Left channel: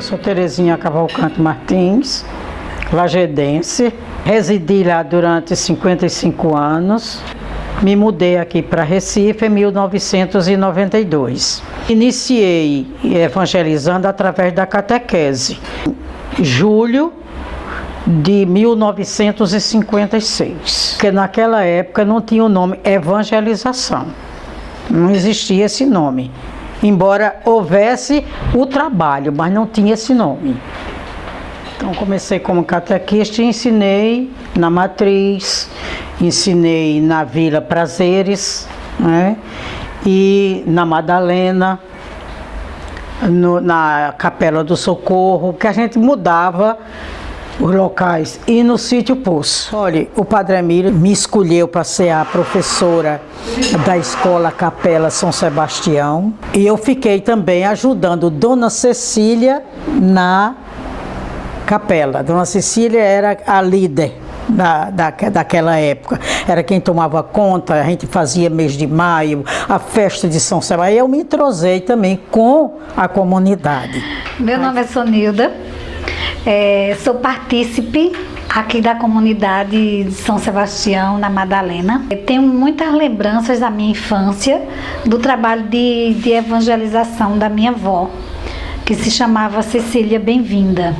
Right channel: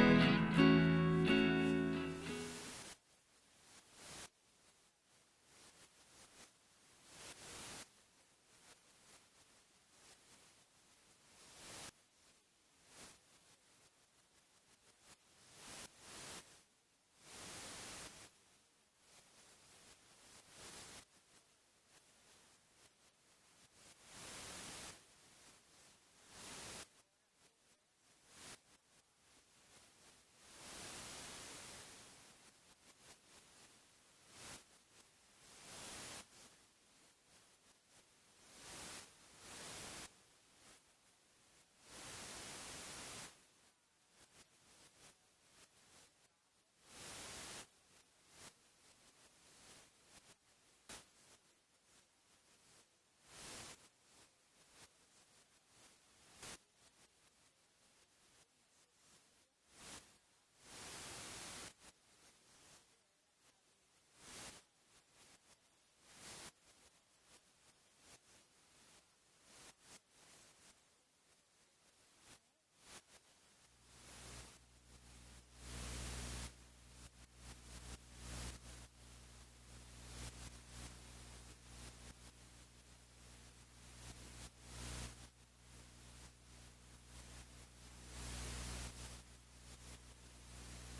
Eu sou Terezinha Cavalcante Martins, lajedense. Residi lá durante 55 anos. Me mudei aqui para Recife em 1992. Iniciei evangelizando através da catequese. Julho de 1956. Porque naquela época não tinha o nome evangelização. Não existia esse nome. Embora houvesse o trabalho, mas não tinha esse nome. Então comecei como catequista e ensinei na Matriz, ensinei na Vila Prazeres, né? E na Madalena, na Capela do Socorro, que a gente mudava os locais, e no Sítio Poço. Olha, o Padre Emílio me escolheu para ser a professora da Escola Capela São Sebastião, e eu fiquei também ajudando Dona Cecília na capela. Dona Cecília era a líder daquela época, era quem tomava conta. A gente fazia mês de maio, a festa de São Sebastião. Eu me entrosei também com a comunidade. Meu nome é Sonilda, sou partícipe aqui da comunidade de São Sebastião, na Madalena. Tenho muitas lembranças da minha infância, do trabalho de evangelização da minha avó, que se chamava Cecília Bem-vinda.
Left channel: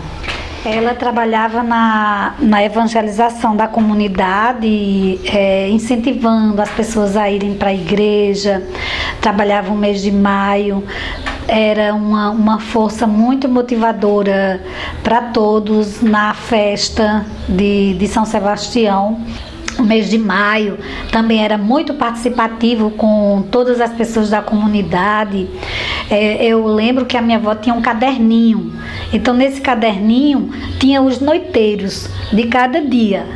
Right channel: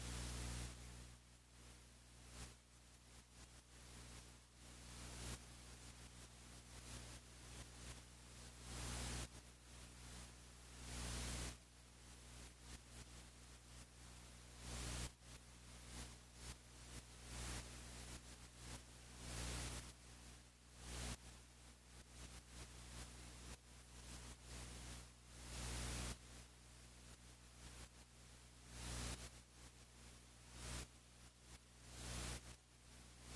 Ela trabalhava na evangelização da comunidade, incentivando as pessoas a irem para a igreja, trabalhava o mês de maio, era uma força muito motivadora para todos na festa de São Sebastião. O mês de maio também era muito participativo com todas as pessoas da comunidade. Eu lembro que a minha avó tinha um caderninho. Então, nesse caderninho, tinha os noiteiros de cada dia.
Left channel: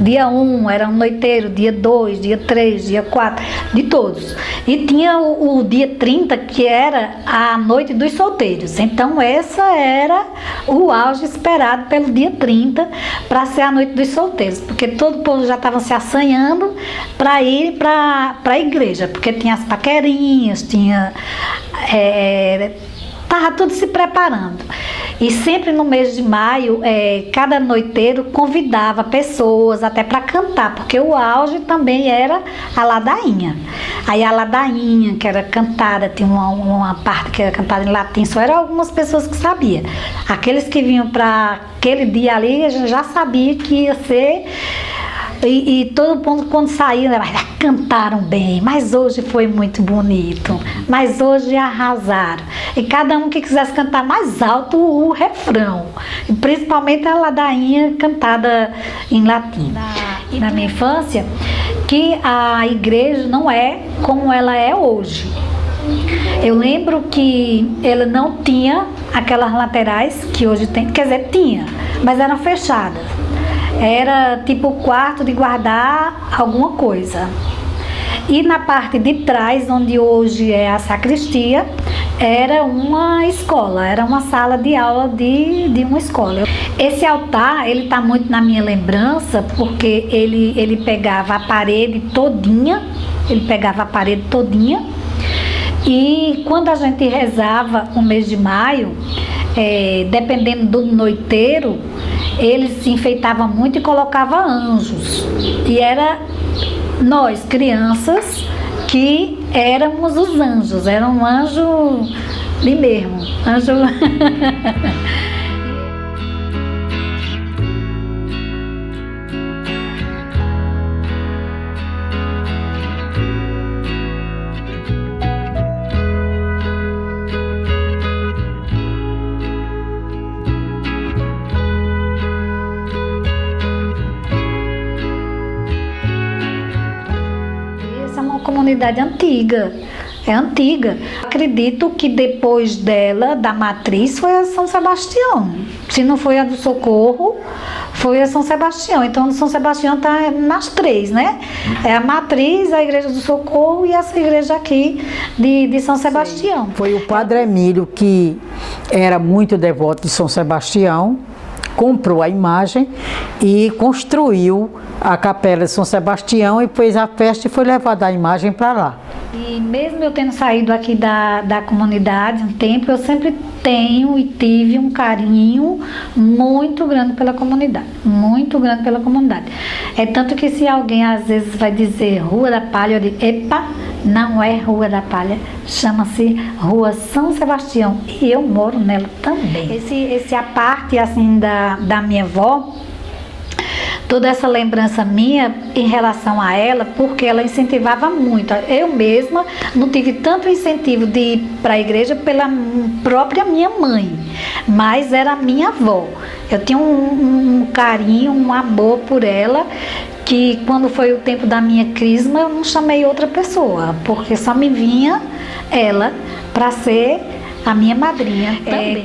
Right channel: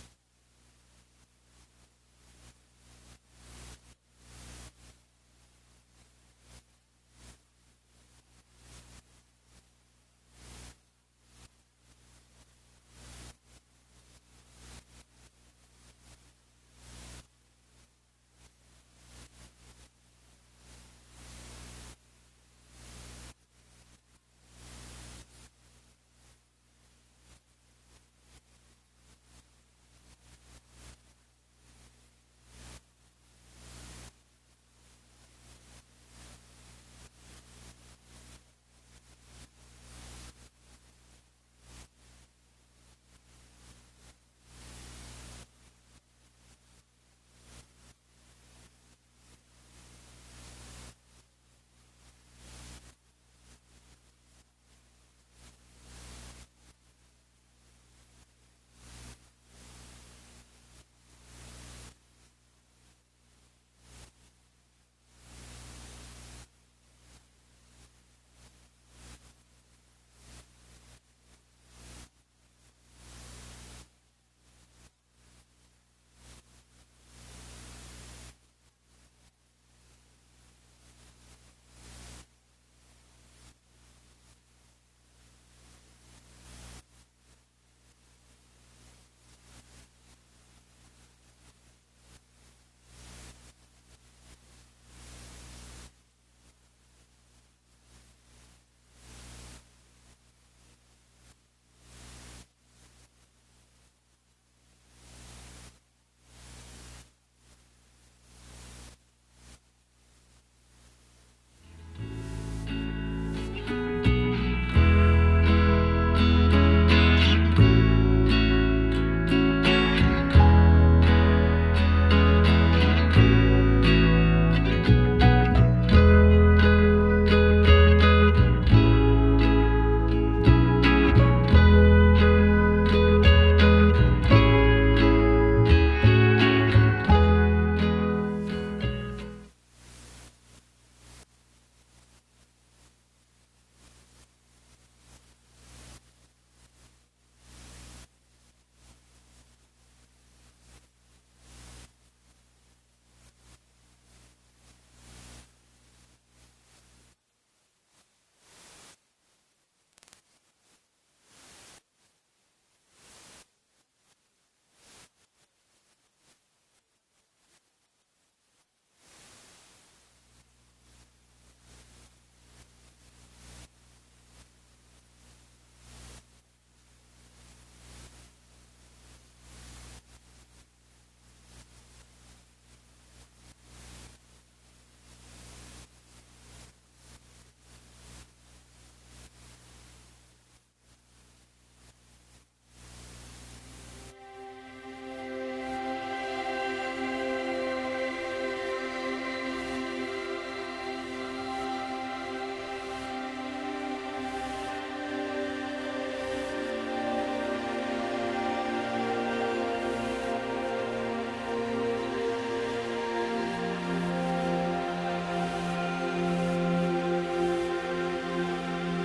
Dia 1 era um noiteiro, dia 2, dia 3, dia 4, de todos. E tinha o dia 30, que era a noite dos solteiros. Então, essa era o auge esperado pelo dia 30 para ser a noite dos solteiros. Porque todo o povo já estava se assanhando para ir para a igreja. Porque tinha as paquerinhas, estava tudo se preparando. E sempre no mês de maio, cada noiteiro convidava pessoas até para cantar, porque o auge também era a ladainha. Aí a ladainha, que era cantada, tinha uma parte que era cantada em latim, só eram algumas pessoas que sabiam. Aqueles que vinham para aquele dia ali, a gente já sabia que ia ser. E todo mundo, quando saiu, cantaram bem, mas hoje foi muito bonito, mas hoje arrasaram. E cada um que quisesse cantar mais alto o refrão, e principalmente a ladainha cantada em latim. Na minha infância, que a igreja não é como ela é hoje. Eu lembro que ela não tinha aquelas laterais que hoje tem, quer dizer, tinha, mas eram fechadas. Era tipo o quarto de guardar alguma coisa. E na parte de trás, onde hoje é a sacristia, era uma escola, era uma sala de aula de uma escola. Esse altar, ele está muito na minha lembrança, porque ele pegava a parede todinha, e quando a gente rezava o mês de maio, dependendo do noiteiro, eles se enfeitavam muito e colocavam anjos. E era nós, crianças, que éramos os anjos. Era um anjo ali mesmo. Anjo. Antiga. Acredito que depois dela, da Matriz, foi a São Sebastião. Se não foi a do Socorro, foi a São Sebastião. Então, São Sebastião está nas três, né? É a Matriz, a Igreja do Socorro e essa igreja aqui de São Sebastião. Foi o Padre Emílio, que era muito devoto de São Sebastião, comprou a imagem e construiu a Capela de São Sebastião e fez a festa e foi levada a imagem para lá. E mesmo eu tendo saído aqui da comunidade um tempo, eu sempre tenho e tive um carinho muito grande pela comunidade, muito grande pela comunidade. É tanto que se alguém às vezes vai dizer Rua da Palha, eu digo, epa, não é Rua da Palha, chama-se Rua São Sebastião e eu moro nela também. A parte assim da minha avó, toda essa lembrança minha em relação a ela, porque ela incentivava muito. Eu mesma não tive tanto incentivo de ir para a igreja pela própria minha mãe, mas era a minha avó. Eu tinha um carinho, um amor por ela, que quando foi o tempo da minha crisma, eu não chamei outra pessoa, porque só me vinha ela para ser a minha madrinha.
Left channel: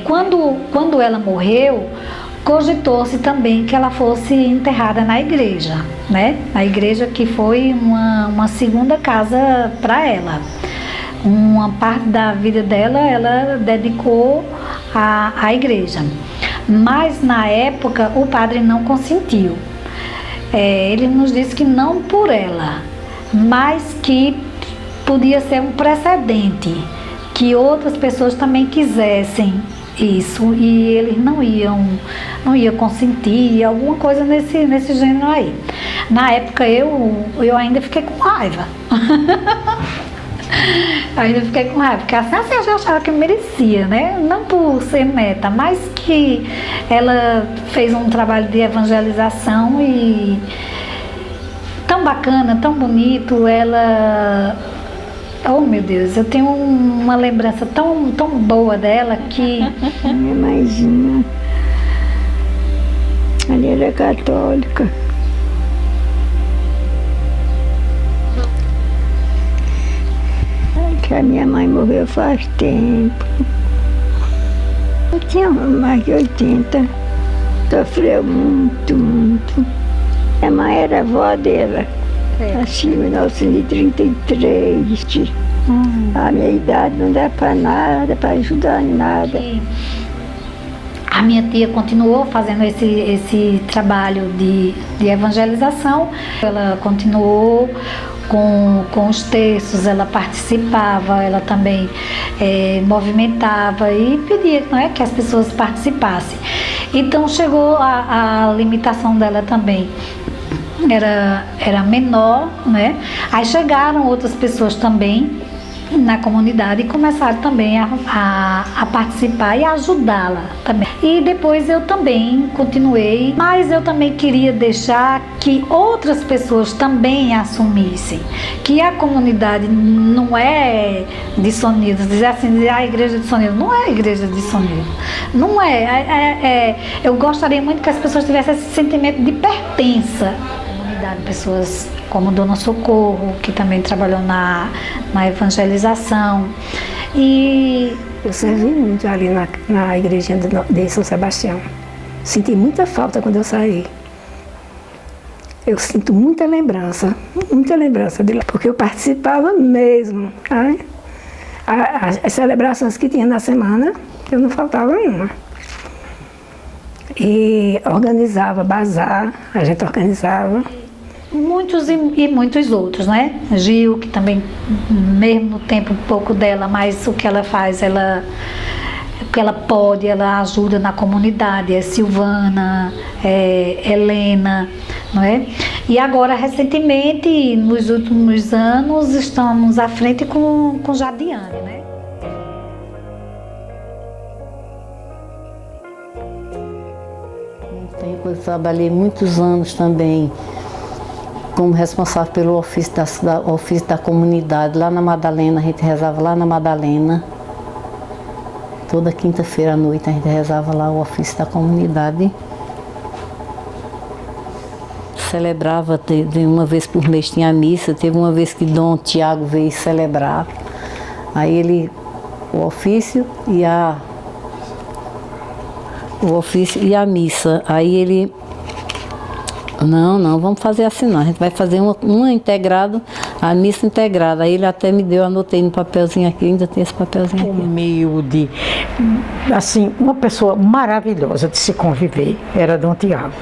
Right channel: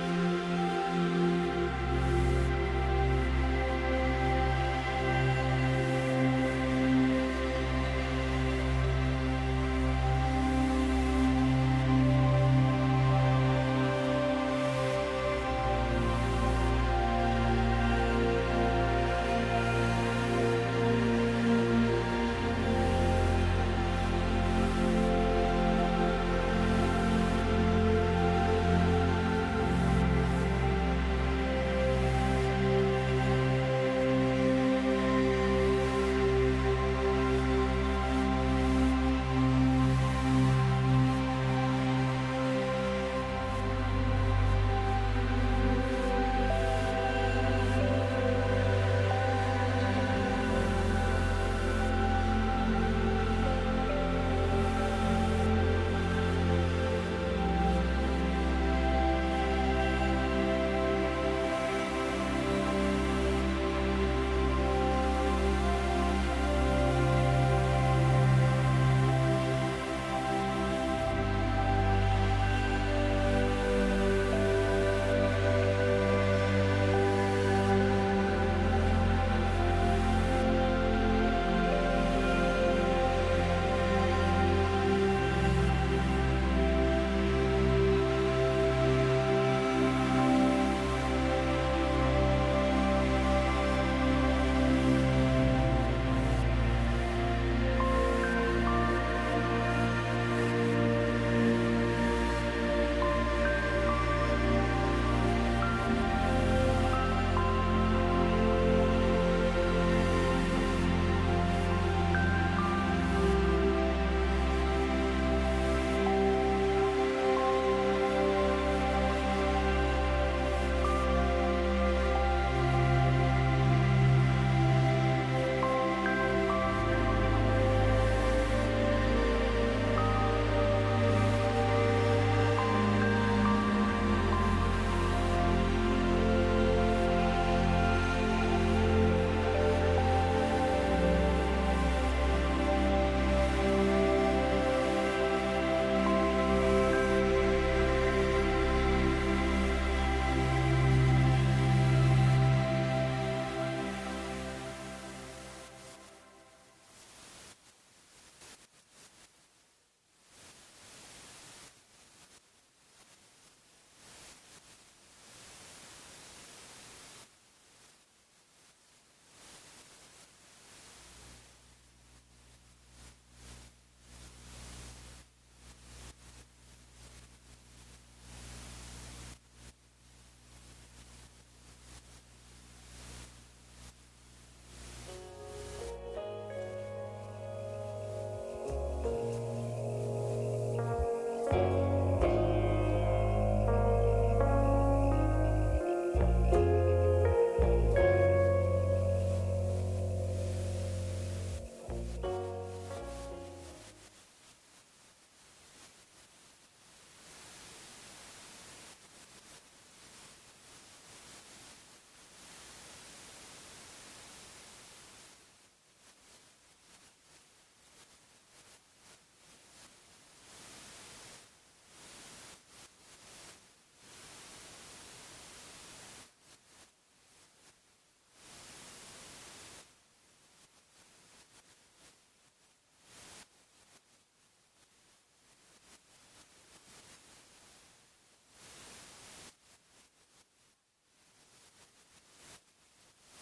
Quando ela morreu, cogitou-se também que ela fosse enterrada na igreja, né? A igreja que foi uma segunda casa para ela. Uma parte da vida dela, ela dedicou à igreja. Mas na época o padre não consentiu. Ele nos disse que não por ela, mas que podia ser um precedente, que outras pessoas também quisessem isso e eles não iam consentir, alguma coisa nesse gênero aí. Na época eu ainda fiquei com raiva. Ainda fiquei com raiva, porque assim eu já achava que merecia, né? Não por ser neta, mas que ela fez um trabalho de evangelização e tão bacana, tão bonito, ela... Oh meu Deus, eu tenho uma lembrança tão boa dela que... Minha mãezinha, ela era católica. Que a minha mãe morreu faz tempo. Eu tinha mais de 80. Sofreu muito, muito. Minha mãe era avó dela. Nasci em 1933. A minha idade não dá para nada, para ajudar em nada. A minha tia continuou fazendo esse trabalho de evangelização. Ela continuou com os textos, ela participava, ela também movimentava e pedia, não é, que as pessoas participassem. Então chegou a limitação dela também. Era menor, né? Aí chegaram outras pessoas também na comunidade e começaram também a participar e a ajudá-la também. E depois eu também continuei, mas eu também queria deixar que outras pessoas também assumissem que a comunidade não é de Sonildo, dizer assim, a igreja de Sonildo, não é a igreja de Sonildo, não é. Eu gostaria muito que as pessoas tivessem esse sentimento de pertença. Pessoas como Dona Socorro, que também trabalhou na evangelização. E eu servi muito ali na igrejinha de São Sebastião. Senti muita falta quando eu saí. Eu sinto muita lembrança de lá, porque eu participava mesmo. Tá? As celebrações que tinha na semana, eu não faltava uma. E organizava bazar, a gente organizava. Muitos e muitos outros, né? Gil, que também, mesmo no tempo pouco dela, mas o que ela faz, o que ela pode, ela ajuda na comunidade. Silvana, Helena, não é? E agora, recentemente, nos últimos anos, estamos à frente com Jadiane, né? Eu trabalhei muitos anos também como responsável pelo ofício da comunidade, lá na Madalena, a gente rezava lá na Madalena. Toda quinta-feira à noite a gente rezava lá o ofício da comunidade. Celebrava, de uma vez por mês tinha missa, teve uma vez que Dom Tiago veio celebrar. Aí o ofício e a missa. Aí ele... Não, vamos fazer assim não, a gente vai fazer uma integrada, a missa integrada. Aí ele até me deu, anotei no papelzinho aqui, ainda tem esse papelzinho aqui. Humilde, assim, uma pessoa maravilhosa de se conviver, era Dom Tiago,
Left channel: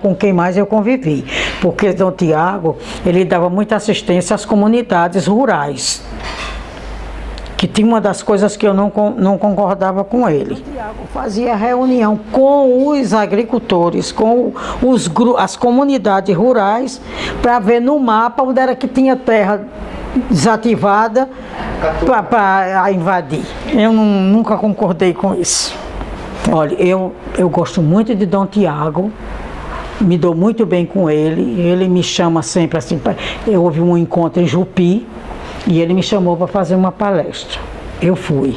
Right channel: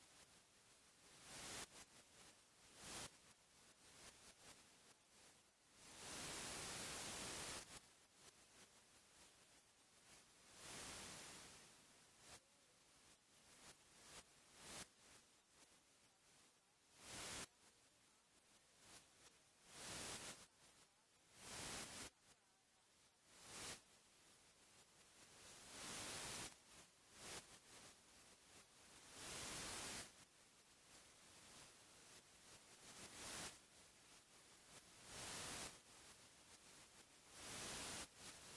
com quem mais eu convivi. porque Dom Tiago, ele dava muita assistência às comunidades rurais, que tinha uma das coisas que eu não concordava com ele. Dom Tiago fazia reunião com os agricultores, com as comunidades rurais, para ver no mapa onde era que tinha terra desativada para invadir. Eu nunca concordei com isso. Olha, eu gosto muito de Dom Tiago, me dou muito bem com ele me chama sempre assim, houve um encontro em Jupi, e ele me chamou para fazer uma palestra. Eu fui.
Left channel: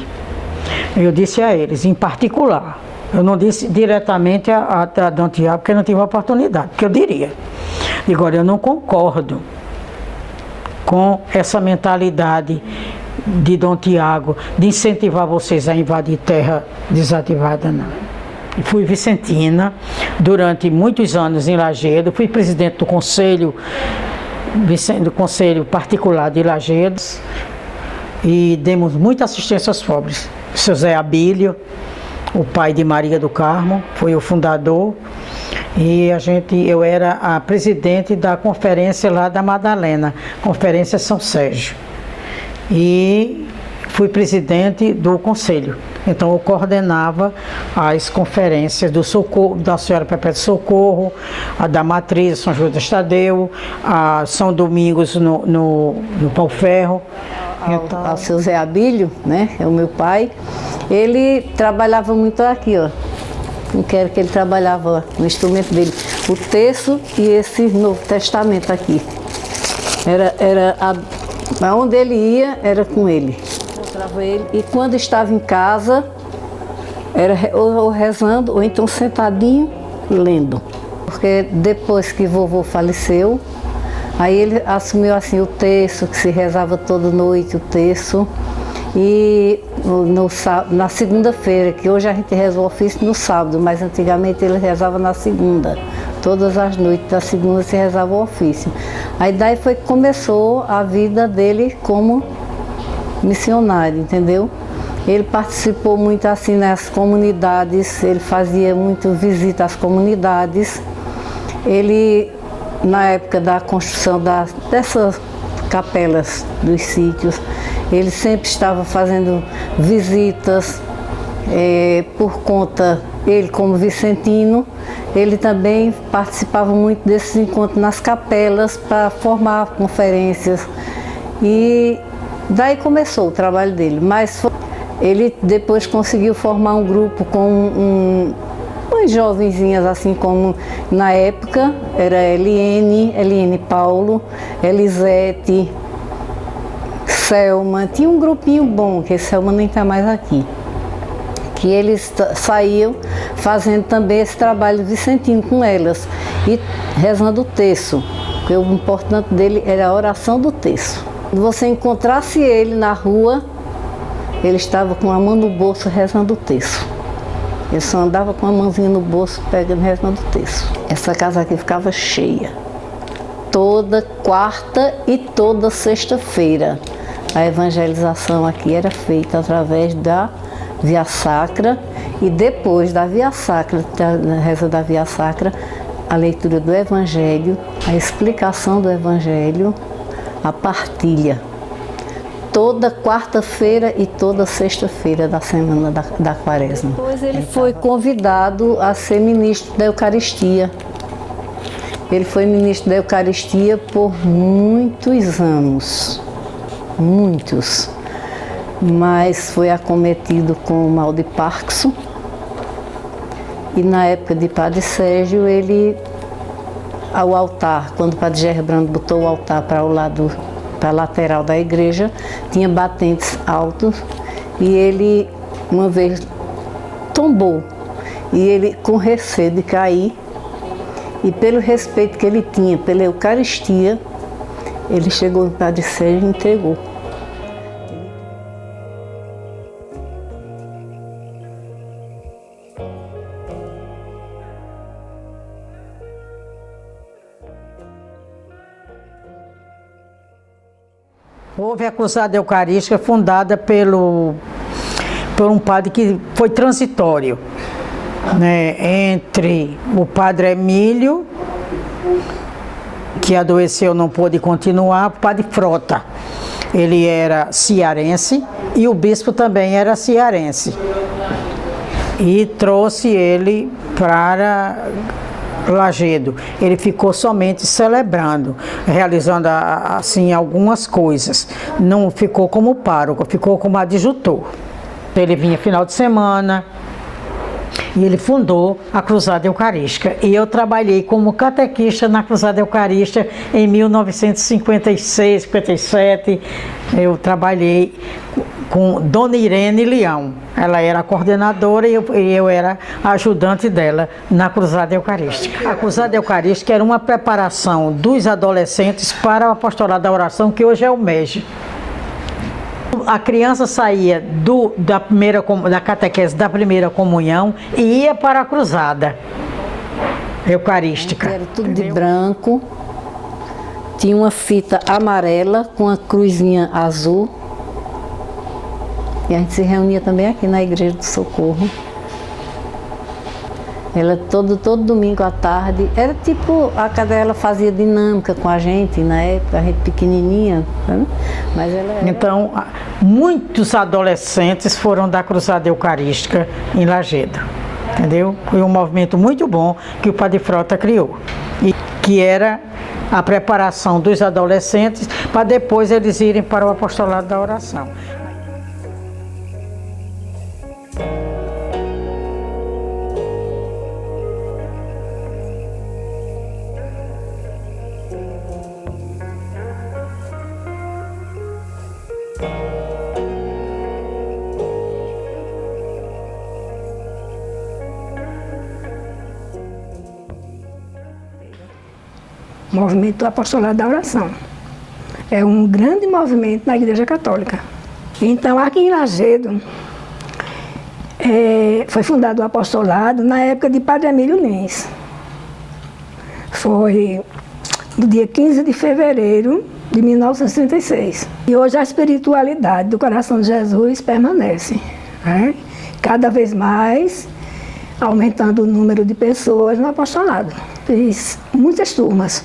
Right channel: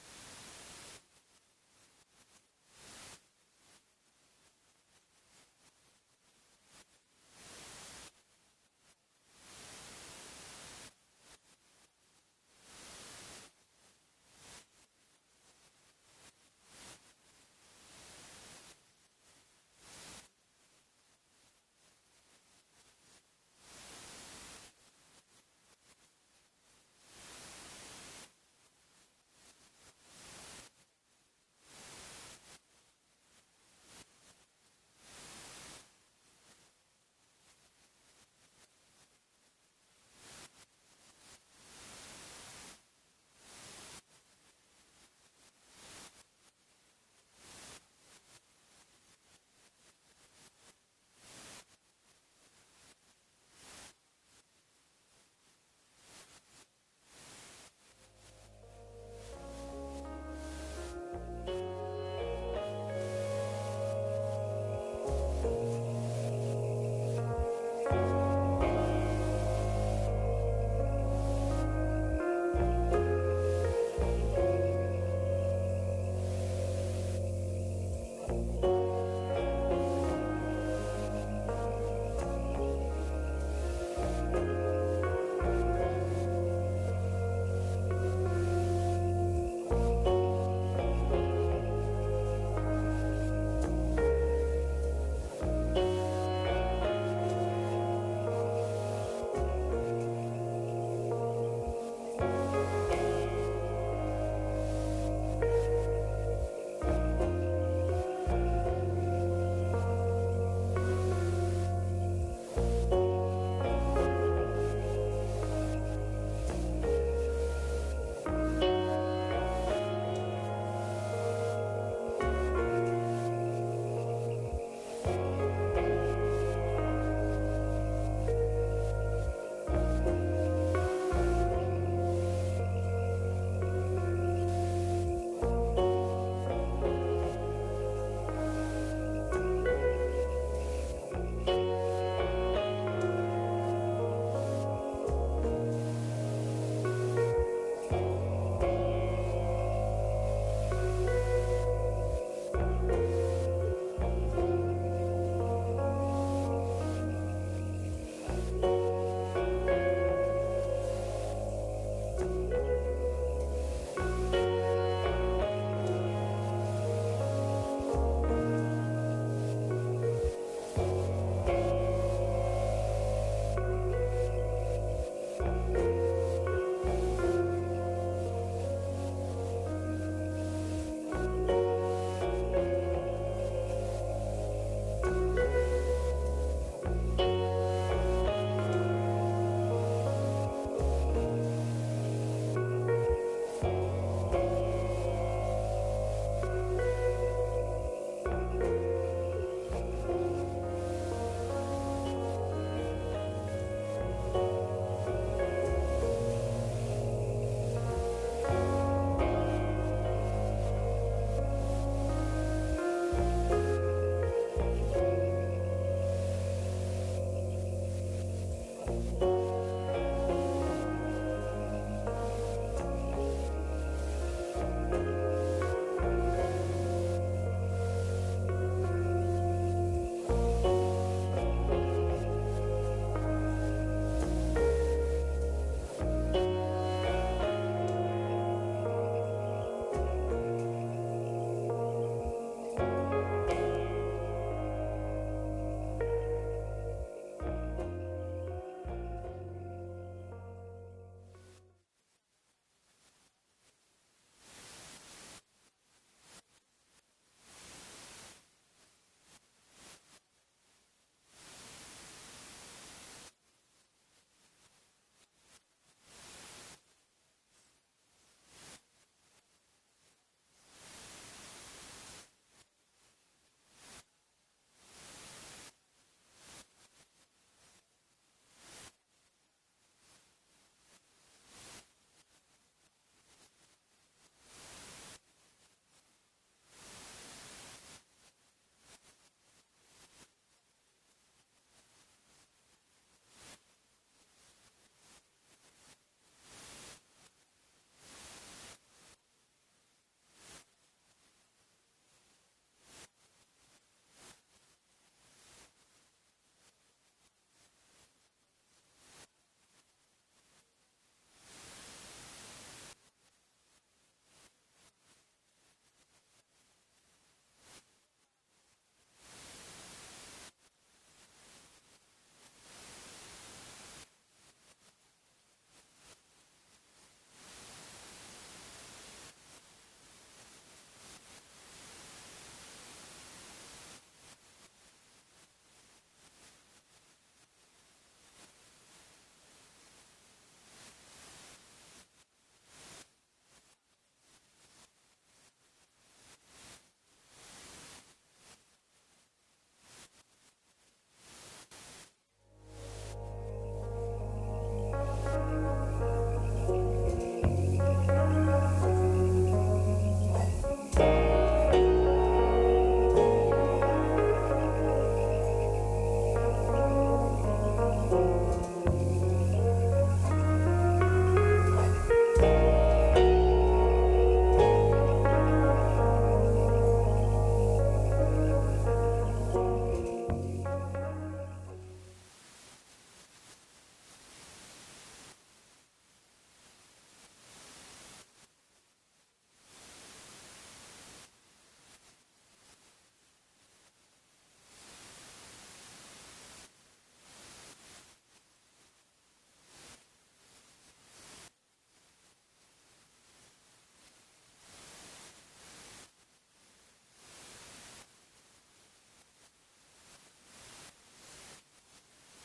Eu disse a eles, em particular, eu não disse diretamente a Dom Tiago, porque eu não tive a oportunidade, porque eu diria. Agora, eu não concordo com essa mentalidade de Dom Tiago, de incentivar vocês a invadir terra desativada, não. Fui vicentina durante muitos anos em Lajeado, fui presidente do Conselho Particular de Lajeado e demos muita assistência aos pobres. Seu Zé Abílio, o pai de Maria do Carmo, foi o fundador. E eu era a presidente da conferência lá da Madalena, Conferência São Sérgio. E fui presidente do conselho. Então eu coordenava as conferências do Socorro, da Senhora Perpétua Socorro, a da Matriz, São João do Estadeu, a São Domingos no Pau Ferro. Ao seu Zé Abílio, né, é o meu pai, ele trabalhava muito aqui, ó. Não quero que ele trabalhava no instrumento dele, o terço e esse Novo Testamento aqui. Onde ele ia, era com ele. Encontrava ele e quando estava em casa, era ou rezando ou então sentadinho e lendo. Porque depois que vovô faleceu, aí ele assumiu assim o terço, que se rezava toda noite o terço. E na segunda-feira, que hoje a gente reza o ofício no sábado, mas antigamente ele rezava na segunda. Todas as noites da segunda se rezava o ofício. Aí daí foi que começou a vida dele como missionário, entendeu? Ele participou muito assim nas comunidades, ele fazia muito visita às comunidades. Ele, na época da construção dessas capelas dos sítios, ele sempre estava fazendo visitas por conta, ele como vicentino, ele também participava muito desses encontros nas capelas para formar conferências. E daí começou o trabalho dele, mas ele depois conseguiu formar um grupo com umas jovenzinhas assim como na época, era Eliene Paulo, Elisete, Selma, tinha um grupinho bom, que Selma nem está mais aqui, que eles saíam fazendo também esse trabalho vicentino com elas e rezando o terço, porque o importante dele era a oração do terço. Quando você encontrasse ele na rua, ele estava com a mão no bolso rezando o terço. Ele só andava com a mãozinha no bolso pegando rezando o terço. Essa casa aqui ficava cheia, toda quarta e toda sexta-feira. A evangelização aqui era feita através da Via Sacra e depois da Via Sacra, da reza da Via Sacra, a leitura do Evangelho, a explicação do Evangelho, a partilha. Toda quarta-feira e toda sexta-feira da semana da Quaresma. Depois ele foi convidado a ser ministro da Eucaristia. Ele foi ministro da Eucaristia por muitos anos. Muitos, mas foi acometido com o mal de Parkinson e na época de Padre Sérgio, ele, ao altar, quando o Padre Gerbrando botou o altar para a lateral da igreja, tinha batentes altos e ele uma vez tombou e ele com receio de cair e pelo respeito que ele tinha pela Eucaristia, ele chegou no Padre Sérgio e entregou. Houve a Cruzada Eucarística fundada por um padre que foi transitório, né, entre o padre Emílio que adoeceu, não pôde continuar, o padre Frota. Ele era cearense e o bispo também era cearense. E trouxe ele para Lagedo. Ele ficou somente celebrando, realizando assim algumas coisas. Não ficou como pároco, ficou como adjutor. Ele vinha final de semana e ele fundou a Cruzada Eucarística. E eu trabalhei como catequista na Cruzada Eucarística em 1956, 57. Eu trabalhei com Dona Irene Leão. Ela era a coordenadora e eu era a ajudante dela na Cruzada Eucarística. A Cruzada Eucarística era uma preparação dos adolescentes para o apostolado da oração, que hoje é o MEG. A criança saía da catequese da primeira comunhão e ia para a Cruzada Eucarística. Era tudo de branco, tinha uma fita amarela com a cruzinha azul. E a gente se reunia também aqui na Igreja do Socorro. Ela todo domingo à tarde, era tipo, a cadela fazia dinâmica com a gente na época, a gente pequenininha, né? Mas ela era... Então, muitos adolescentes foram da Cruzada Eucarística em Lagedo, entendeu? Foi um movimento muito bom que o Padre Frota criou, e que era a preparação dos adolescentes para depois eles irem para o apostolado da oração. O movimento do apostolado da oração. É um grande movimento na Igreja Católica. Então, aqui em Lagedo, foi fundado o apostolado na época de Padre Emílio Lins. Foi no dia 15 de fevereiro de 1936. E hoje a espiritualidade do coração de Jesus permanece, né? Cada vez mais aumentando o número de pessoas no apostolado. Fiz muitas turmas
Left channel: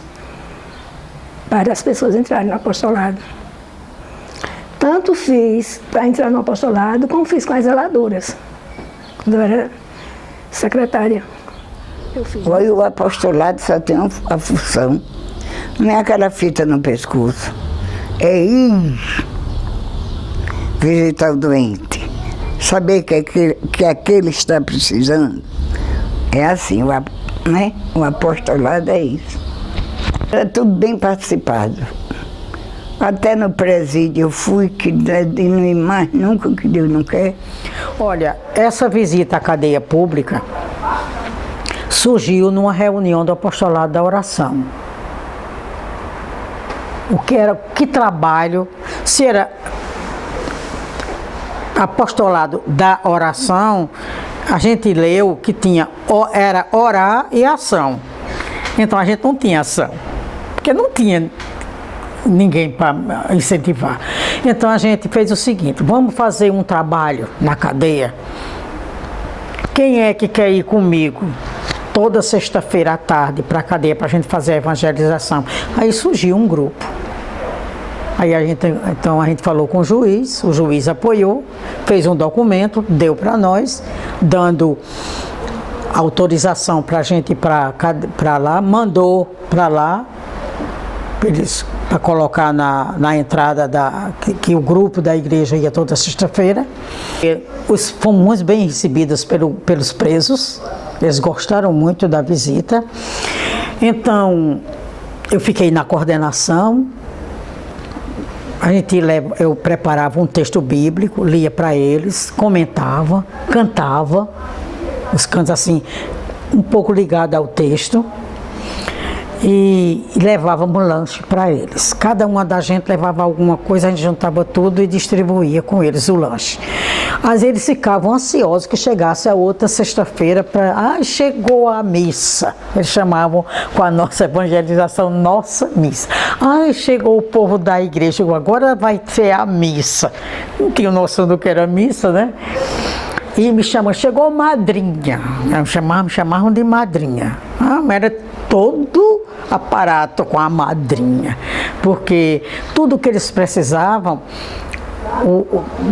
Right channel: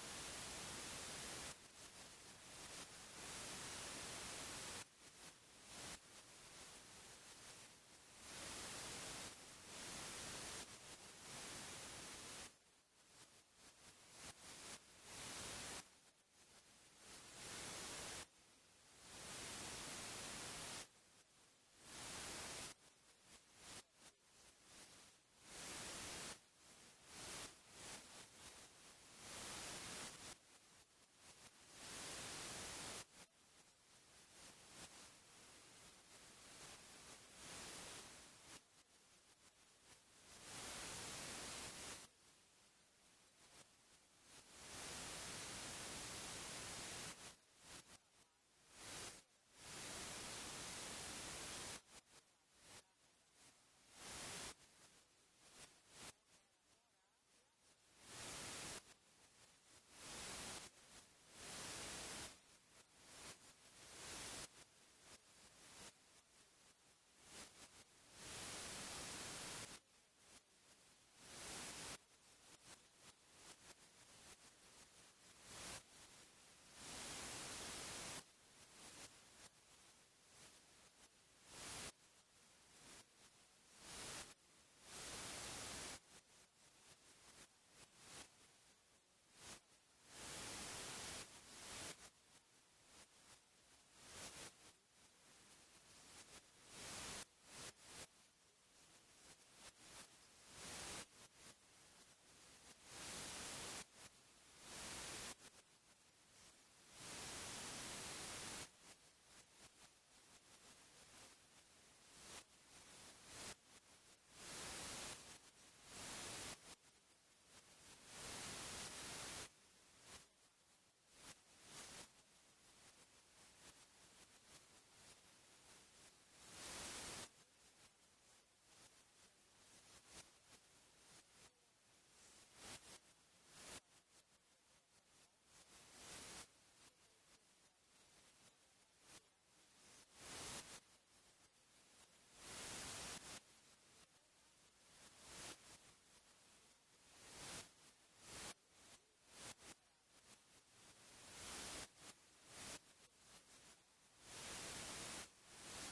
para as pessoas entrarem no apostolado. Tanto fiz para entrar no apostolado, como fiz com as zeladoras, quando eu era secretária. Olha, o apostolado só tem a função, não é aquela fita no pescoço, é ir visitar o doente, saber que aquele está precisando. É assim, né? O apostolado é isso. Era tudo bem participado. Até no presídio eu fui, que não ir mais nunca, que Deus não quer. Olha, essa visita à cadeia pública surgiu numa reunião do apostolado da oração. Que trabalho, se era apostolado da oração, a gente leu que era orar e ação. Então a gente não tinha ação, porque não tinha ninguém para incentivar. Então a gente fez o seguinte: vamos fazer um trabalho na cadeia. Quem é que quer ir comigo toda sexta-feira à tarde para a cadeia para a gente fazer a evangelização? Aí surgiu um grupo. Aí então a gente falou com o juiz apoiou, fez um documento, deu para nós, dando autorização para a gente ir para lá, mandou para lá, para colocar na entrada que o grupo da igreja ia toda sexta-feira. Fomos bem recebidos pelos presos, eles gostaram muito da visita. Então, eu fiquei na coordenação. Eu preparava um texto bíblico, lia para eles, comentava, cantava, os cantos assim, um pouco ligados ao texto, e levávamos lanche para eles. Cada uma da gente levava alguma coisa, a gente juntava tudo e distribuía com eles o lanche. Às vezes eles ficavam ansiosos que chegasse a outra sexta-feira para... chegou a missa. Eles chamavam com a nossa evangelização, nossa missa. Chegou o povo da igreja, agora vai ser a missa. Não tinha noção do que era missa, né? E me chamam, chegou madrinha. Me chamavam de madrinha. Era todo aparato com a madrinha, porque tudo que eles precisavam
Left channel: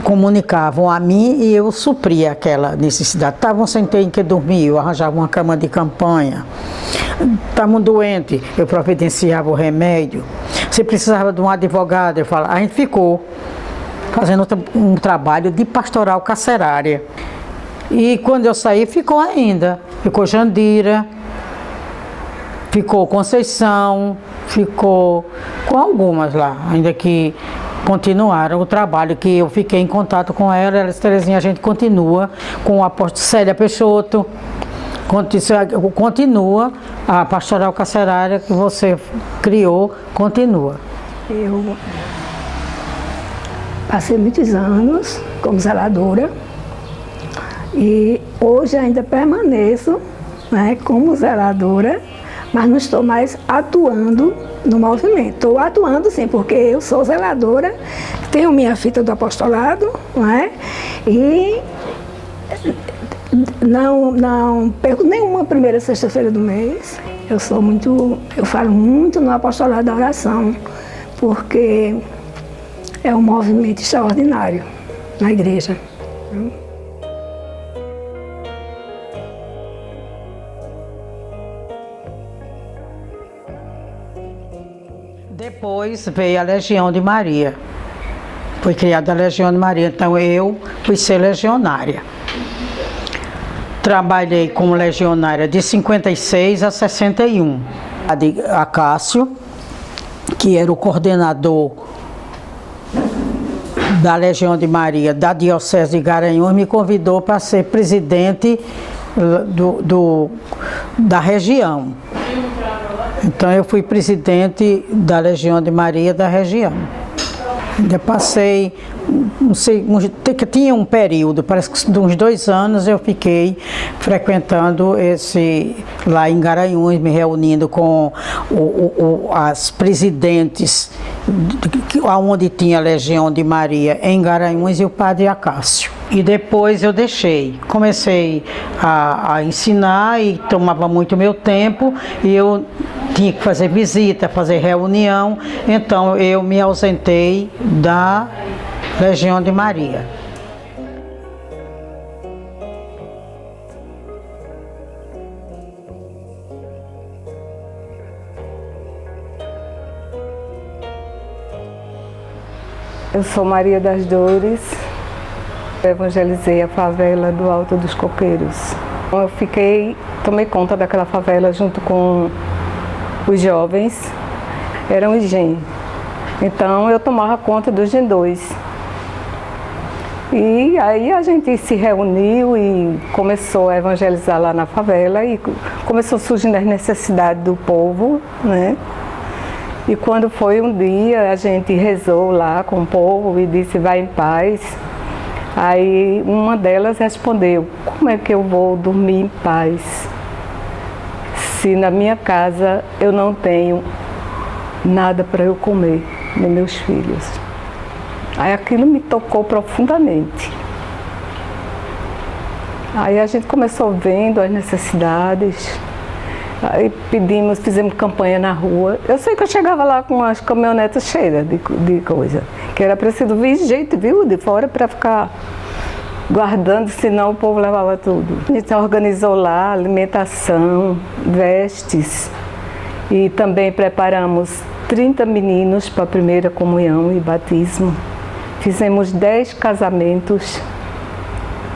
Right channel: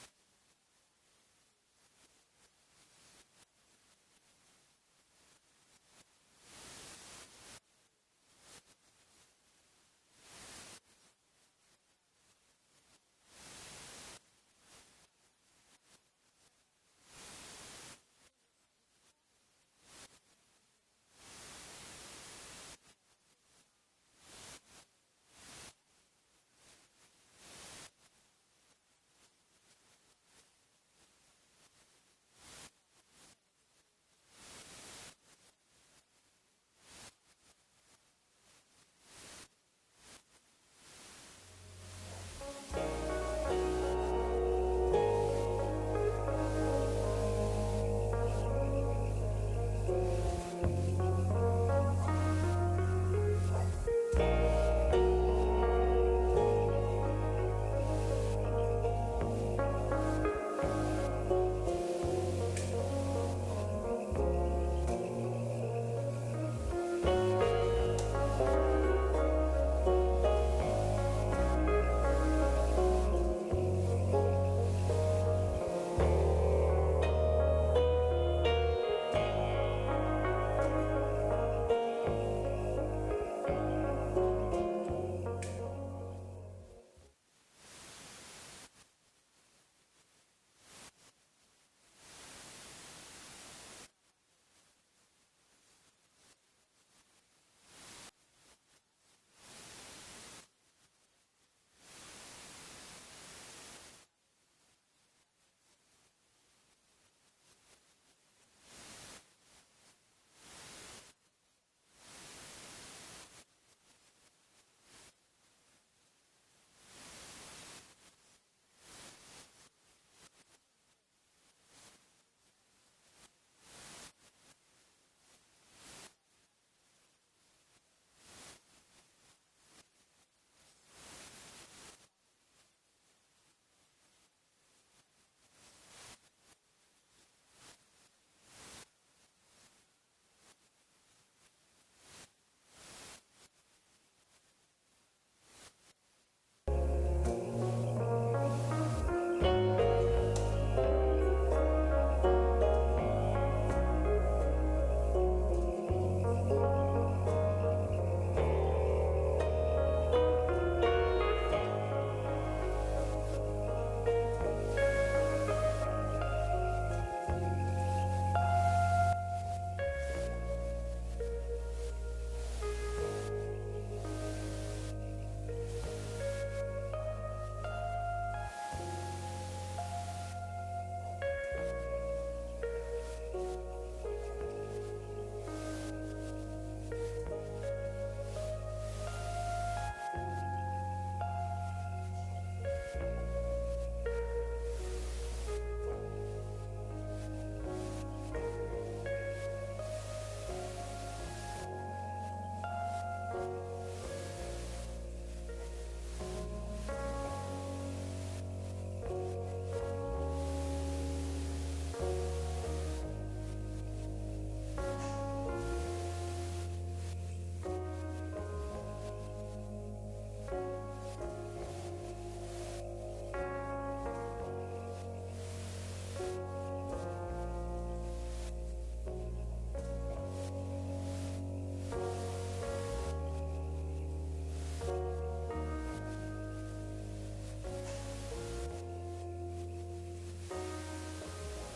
comunicavam a mim e eu supria aquela necessidade. Estavam sem ter em que dormir, eu arranjava uma cama de campanha. Estavam doentes, eu providenciava o remédio. Se precisava de um advogado, eu falava, a gente ficou fazendo um trabalho de pastoral carcerária. E quando eu saí, ficou ainda. Ficou Jandira, ficou Conceição, ficou com algumas lá, ainda que continuaram o trabalho que eu fiquei em contato com ela. Terezinha, a gente continua com o apóstolo Célia Peixoto, continua a pastoral carcerária que você criou, continua. Eu passei muitos anos como zeladora e hoje ainda permaneço, né, como zeladora, mas não estou mais atuando no movimento. Estou atuando sim, porque eu sou zeladora, tenho minha fita do apostolado, né, e não perco nenhuma primeira sexta-feira do mês. Eu falo muito no apostolado da oração, porque é um movimento extraordinário na igreja. Depois veio a Legião de Maria. Foi criada a Legião de Maria, então eu fui ser legionária. Trabalhei como legionária de 56 a 61. A Cássio, que era o coordenador da Legião de Maria da Diocese de Garanhuns, me convidou para ser presidente da região. Então eu fui presidente da Legião de Maria da região. Ainda passei, não sei, tinha um período, parece que de uns 2 anos eu fiquei frequentando lá em Garanhuns, me reunindo com as presidentes, onde tinha a Legião de Maria em Garanhuns, e o padre Acácio. E depois eu deixei, comecei a ensinar e tomava muito meu tempo, e eu tinha que fazer visita, fazer reunião, então eu me ausentei da Legião de Maria. Eu sou Maria das Dores, eu evangelizei a favela do Alto dos Coqueiros. Eu tomei conta daquela favela junto com os jovens, eram os GEM. Então eu tomava conta dos GEM 2. E aí a gente se reuniu e começou a evangelizar lá na favela e começou surgindo as necessidades do povo, né? E quando foi um dia, a gente rezou lá com o povo e disse, vai em paz. Aí uma delas respondeu, como é que eu vou dormir em paz se na minha casa eu não tenho nada para eu comer, nem meus filhos? Aí aquilo me tocou profundamente. Aí a gente começou vendo as necessidades, aí fizemos campanha na rua. Eu sei que eu chegava lá com as caminhonetas cheias de coisa, que era preciso vir jeito, viu, de fora para ficar guardando, senão o povo levava tudo. A gente organizou lá alimentação, vestes, e também preparamos 30 meninos para a primeira comunhão e batismo. Fizemos 10 casamentos.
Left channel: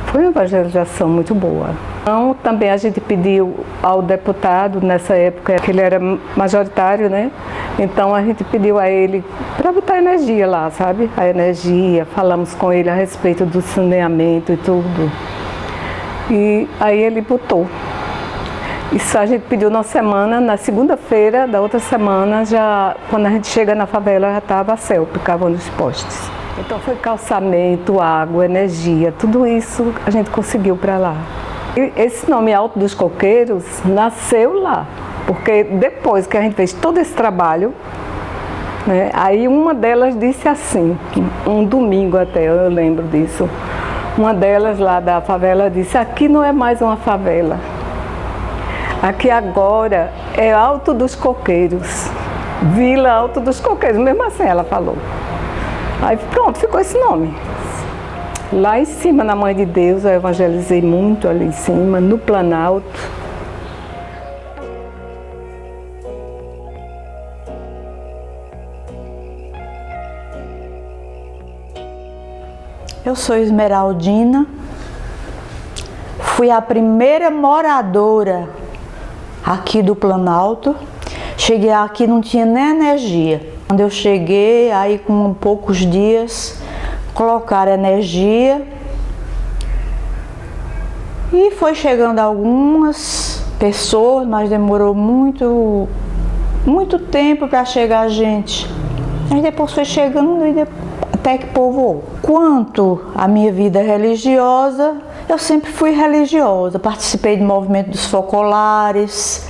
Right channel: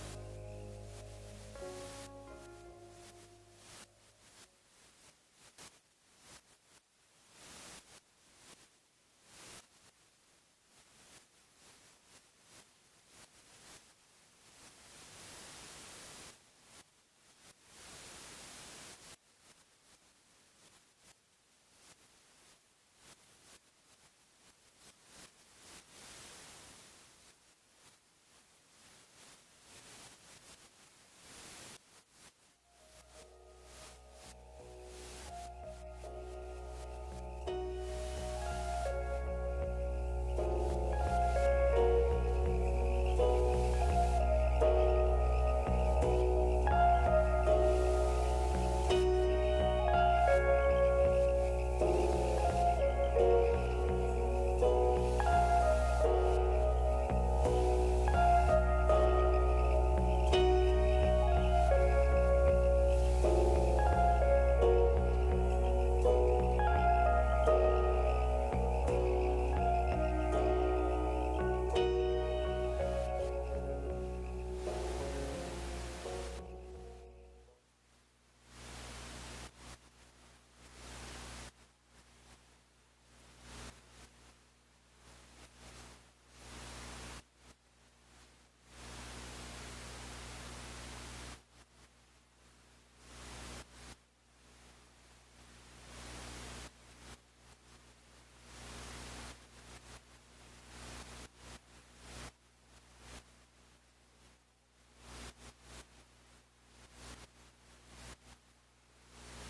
Foi uma evangelização muito boa. Então, também a gente pediu ao deputado, nessa época, que ele era majoritário, né? Então a gente pediu a ele para botar energia lá, sabe? A energia, falamos com ele a respeito do saneamento e tudo. E aí ele botou. Isso a gente pediu na semana, na segunda-feira da outra semana, já, quando a gente chega na favela, já estava a céu, ficavam nos postes. Então foi calçamento, água, energia, tudo isso a gente conseguiu para lá. E esse nome Alto dos Coqueiros nasceu lá, porque depois que a gente fez todo esse trabalho, né, aí uma delas disse assim, um domingo até, eu lembro disso, uma delas lá da favela disse, aqui não é mais uma favela, Aqui agora é Alto dos Coqueiros, Vila Alto dos Coqueiros, mesmo assim ela falou. Aí pronto, ficou esse nome. Lá em cima, na Mãe de Deus, eu evangelizei muito ali em cima, no Planalto. Eu sou Esmeraldina, fui a primeira moradora aqui do Planalto. Cheguei aqui, não tinha nem energia. Quando eu cheguei, aí com poucos dias, colocaram energia e foi chegando algumas pessoas, mas demorou muito tempo para chegar a gente. Aí depois foi chegando e até que povoou. Quanto à minha vida religiosa, eu sempre fui religiosa, participei do movimento dos focolares,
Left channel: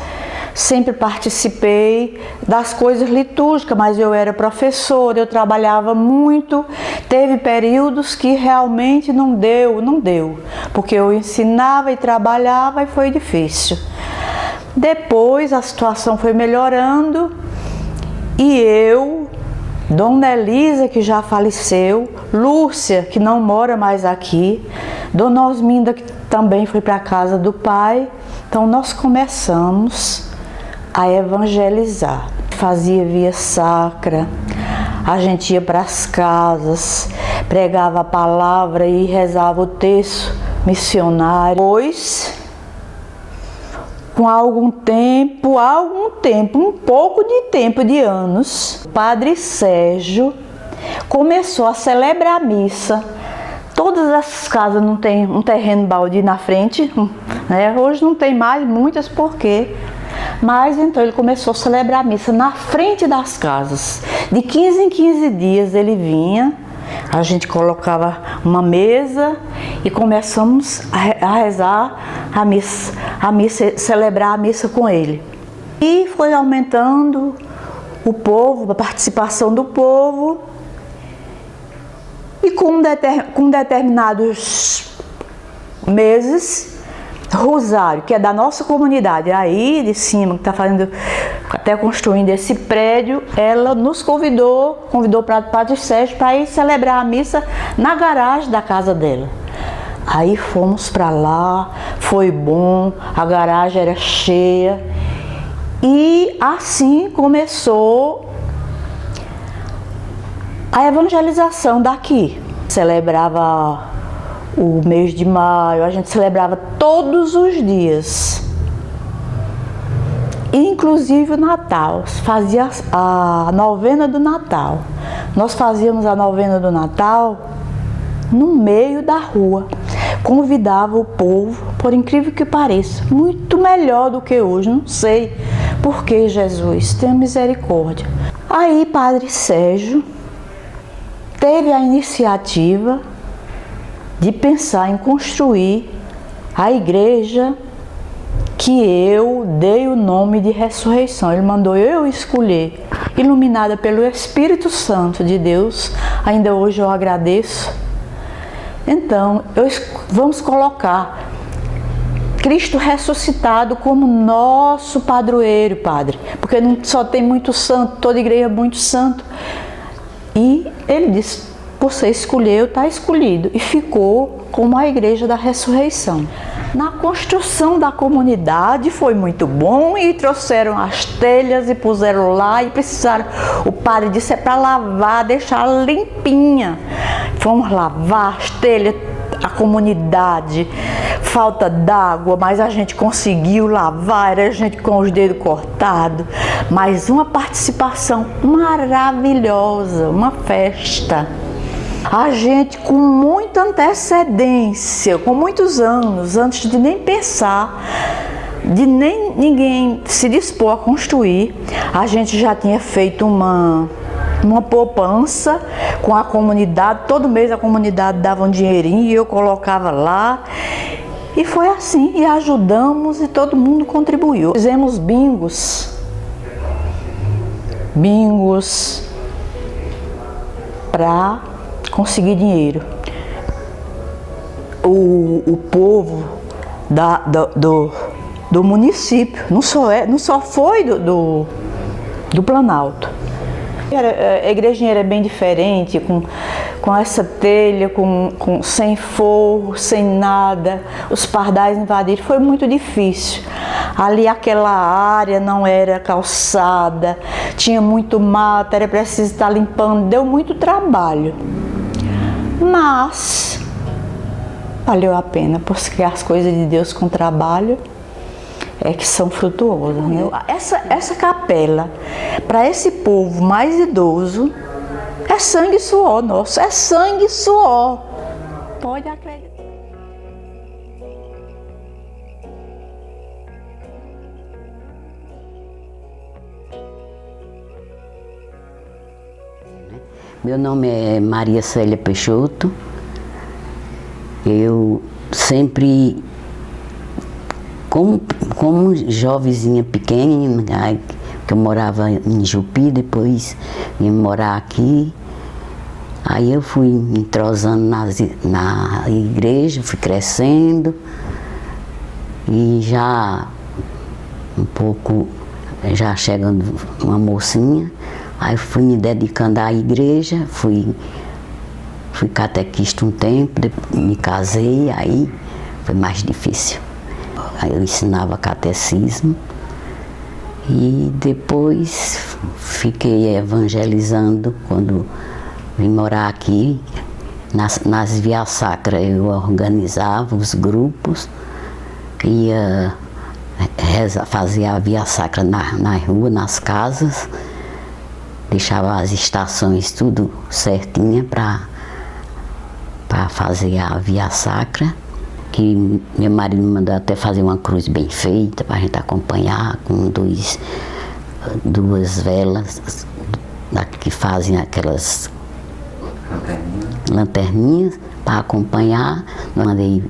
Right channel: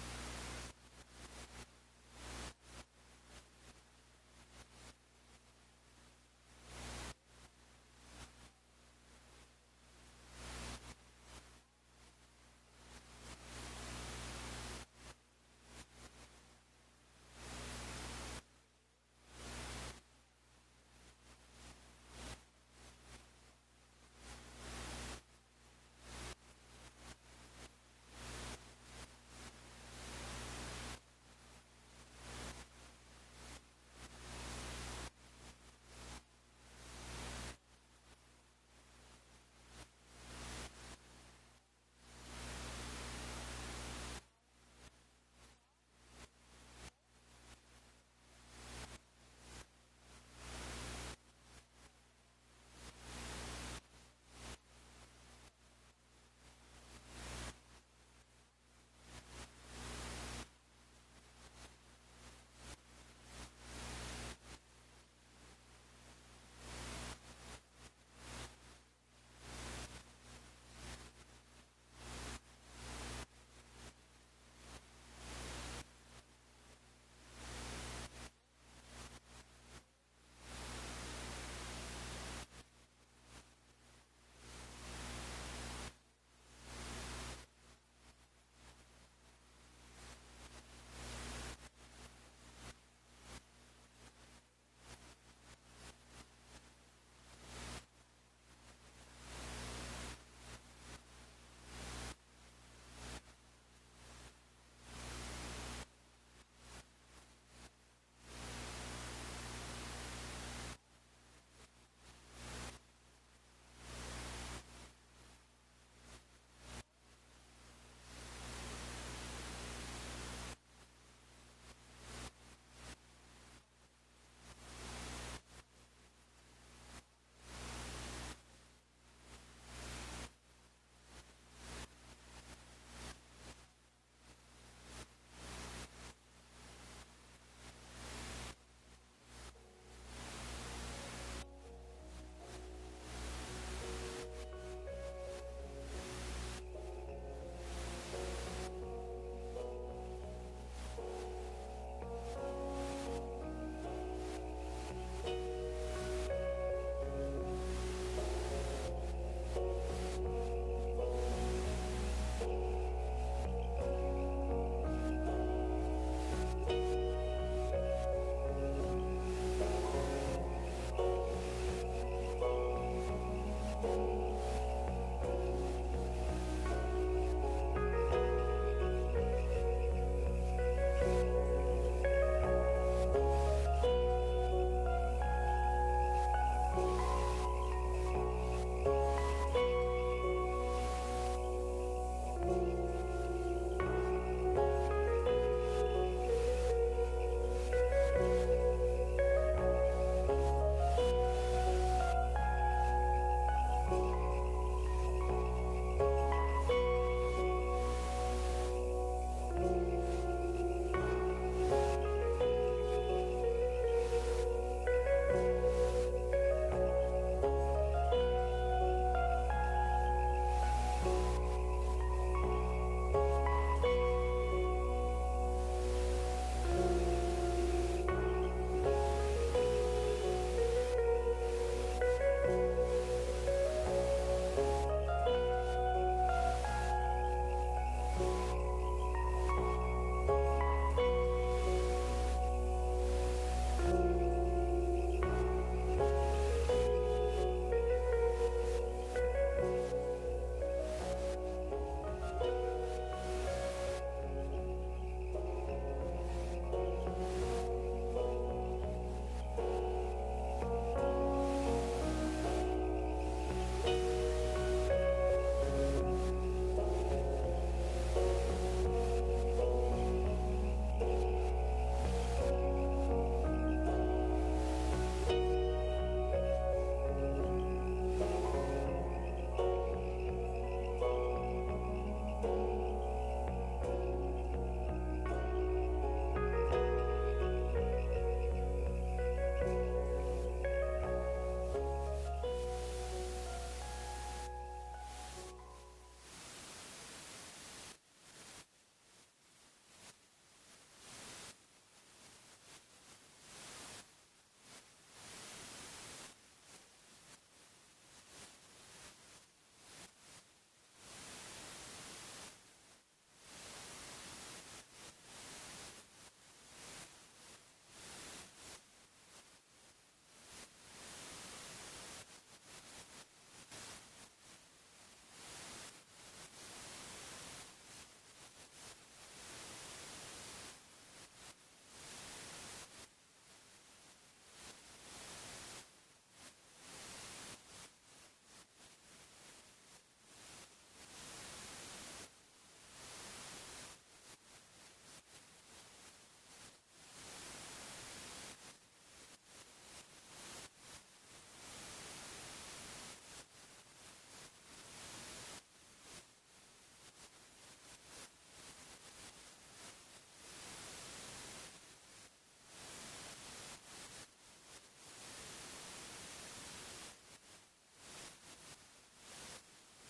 sempre participei das coisas litúrgicas, mas eu era professora, eu trabalhava muito. Teve períodos que realmente não deu, porque eu ensinava e trabalhava e foi difícil. Depois a situação foi melhorando e eu, Dona Elisa, que já faleceu, Lúcia, que não mora mais aqui, Dona Osminda, que também foi para a casa do pai. Então nós começamos a evangelizar. Fazia via sacra, a gente ia para as casas, pregava a palavra e rezava o texto missionário. Depois, com algum tempo, um pouco de tempo, de anos, o Padre Sérgio começou a celebrar a missa. Todas essas casas não tem um terreno baldio na frente, né? Hoje não tem mais, muitas porque... Mas então ele começou a celebrar a missa na frente das casas. De 15 em 15 dias ele vinha, a gente colocava uma mesa e começamos a rezar a missa, celebrar a missa com ele. E foi aumentando o povo, a participação do povo. E com determinados meses, Rosário, que é da nossa comunidade, aí de cima, que está fazendo, até construindo esse prédio, ela nos convidou para o Padre Sérgio para ir celebrar a missa na garagem da casa dela. Aí fomos para lá, foi bom, a garagem era cheia e assim começou a evangelização daqui. Celebrava o mês de maio, a gente celebrava todos os dias, inclusive o Natal, fazia a novena do Natal. Nós fazíamos a novena do Natal no meio da rua, convidava o povo, por incrível que pareça, muito melhor do que hoje, não sei porque, Jesus, tenha misericórdia. Aí Padre Sérgio teve a iniciativa de pensar em construir a igreja que eu dei o nome de Ressurreição. Ele mandou eu escolher, iluminada pelo Espírito Santo de Deus. Ainda hoje eu agradeço. Então, vamos colocar Cristo ressuscitado como nosso padroeiro, Padre, porque não só tem muito santo, toda igreja é muito santo. E ele disse: você escolheu, está escolhido. E ficou como a Igreja da Ressurreição. Na construção da comunidade foi muito bom e trouxeram as telhas e puseram lá e precisaram, o padre disse, é para lavar, deixar limpinha. Fomos lavar as telhas, a comunidade, falta d'água, mas a gente conseguiu lavar, era gente com os dedos cortados. Mas uma participação maravilhosa, uma festa. A gente com muita antecedência, com muitos anos, antes de nem pensar, de nem ninguém se dispor a construir, a gente já tinha feito uma poupança com a comunidade. Todo mês a comunidade dava um dinheirinho e eu colocava lá. E foi assim, e ajudamos e todo mundo contribuiu. Fizemos bingos para conseguir dinheiro. O povo do município, não só foi do Planalto. A igrejinha era bem diferente, com essa telha, sem forro, sem nada, os pardais invadiram, foi muito difícil. Ali aquela área não era calçada, tinha muito mato, era preciso estar limpando, deu muito trabalho. Mas valeu a pena, porque as coisas de Deus com trabalho é que são frutuosas, né? Essa capela, para esse povo mais idoso, é sangue e suor nosso, é sangue e suor. Pode acreditar. Meu nome é Maria Célia Peixoto. Eu sempre, como jovenzinha pequena, que eu morava em Jupi, depois vim morar aqui. Aí eu fui me entrosando na igreja, fui crescendo e já um pouco, já chegando uma mocinha, aí fui me dedicando à igreja, fui catequista um tempo, depois me casei, aí foi mais difícil. Aí eu ensinava catecismo e depois fiquei evangelizando quando vim morar aqui. Nas vias sacras eu organizava os grupos, ia fazia a via sacra na rua, nas casas, deixava as estações tudo certinha para fazer a via sacra, que meu marido me mandou até fazer uma cruz bem feita para a gente acompanhar, com duas velas que fazem aquelas lanterninhas para acompanhar. Mandei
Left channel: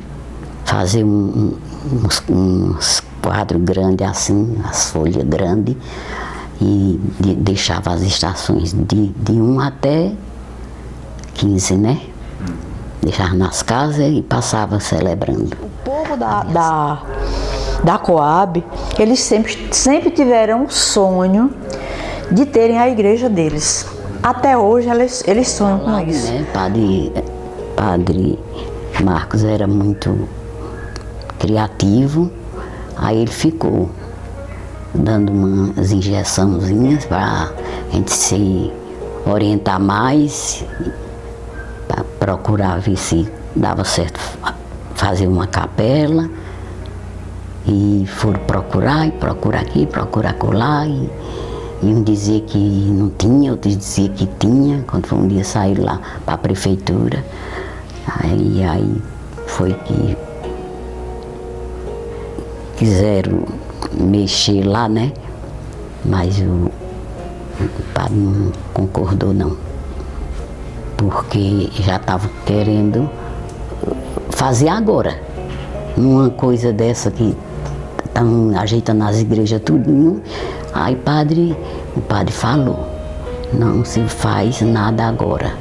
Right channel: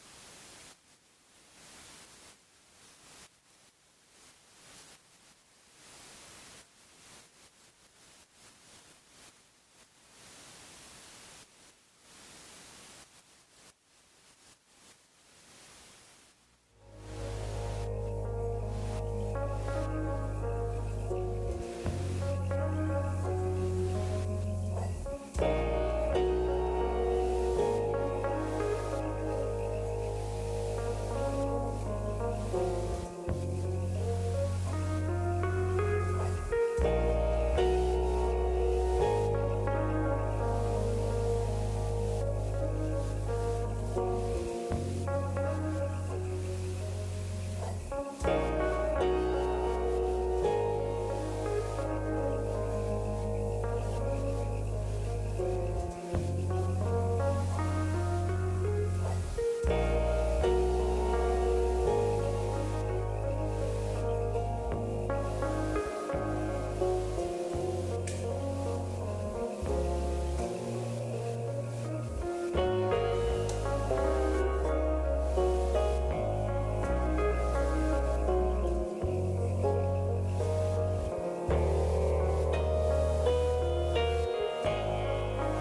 fazer uns quadros grandes assim, as folhas grandes, e deixava as estações de 1 até 15, né? Deixava nas casas e passava celebrando. O povo da Coab, eles sempre tiveram o sonho de terem a igreja deles. Até hoje eles sonham com isso. Né? Padre Marcos era muito criativo, aí ele ficou dando umas injeçãozinhas para a gente se orientar mais, para procurar ver se dava certo fazer uma capela. E foram procurar, e procurar aqui, procurar acolá, e um dizia que não tinha, outro dizia que tinha. Quando foi um dia sair lá para a prefeitura, aí foi que quiseram mexer lá, né? Mas o padre não concordou não, porque já estavam querendo fazer agora. Uma coisa dessa que estão ajeitando as igrejas tudinho, aí o padre falou, não se faz nada agora.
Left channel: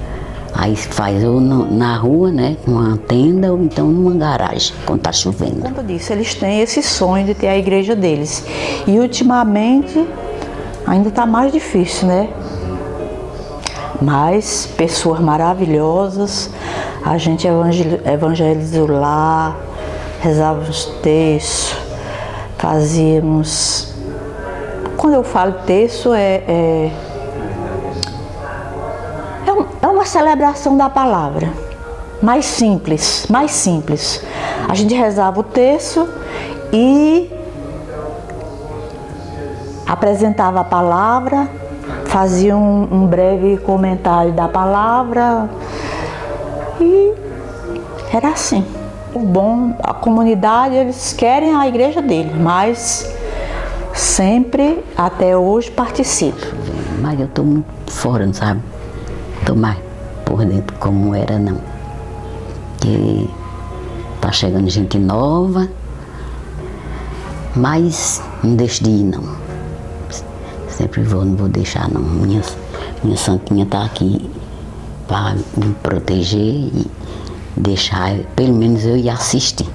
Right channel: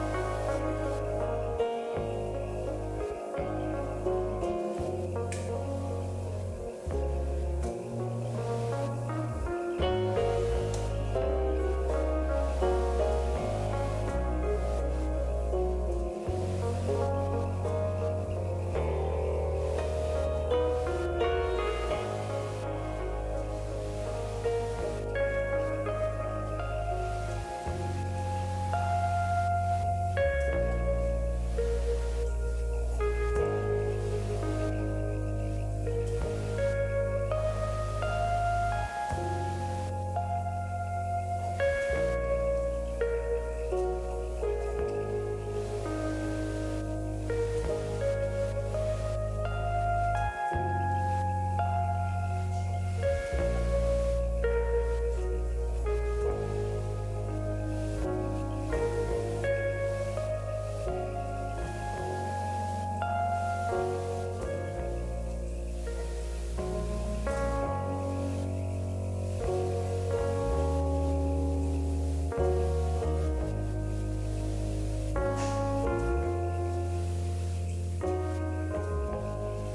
Aí se faz ou na rua, né, numa tenda, ou então numa garagem, quando está chovendo. Como eu disse, eles têm esse sonho de ter a igreja deles. E ultimamente ainda está mais difícil, né? Mas pessoas maravilhosas, a gente evangelizou lá, rezávamos texto, fazíamos... Quando eu falo texto, é uma celebração da palavra, mais simples. A gente rezava o texto e apresentava a palavra, fazia um breve comentário da palavra e era assim. O bom, a comunidade, eles querem a igreja deles, mas sempre, até hoje, participo. Mas eu estou muito fora, não sabe? Estou mais por dentro como era, não. Porque está chegando gente nova, mas não deixo de ir, não. Sempre não vou deixar, não. Minha santinha está aqui para me proteger e deixar, pelo menos eu ir assistir.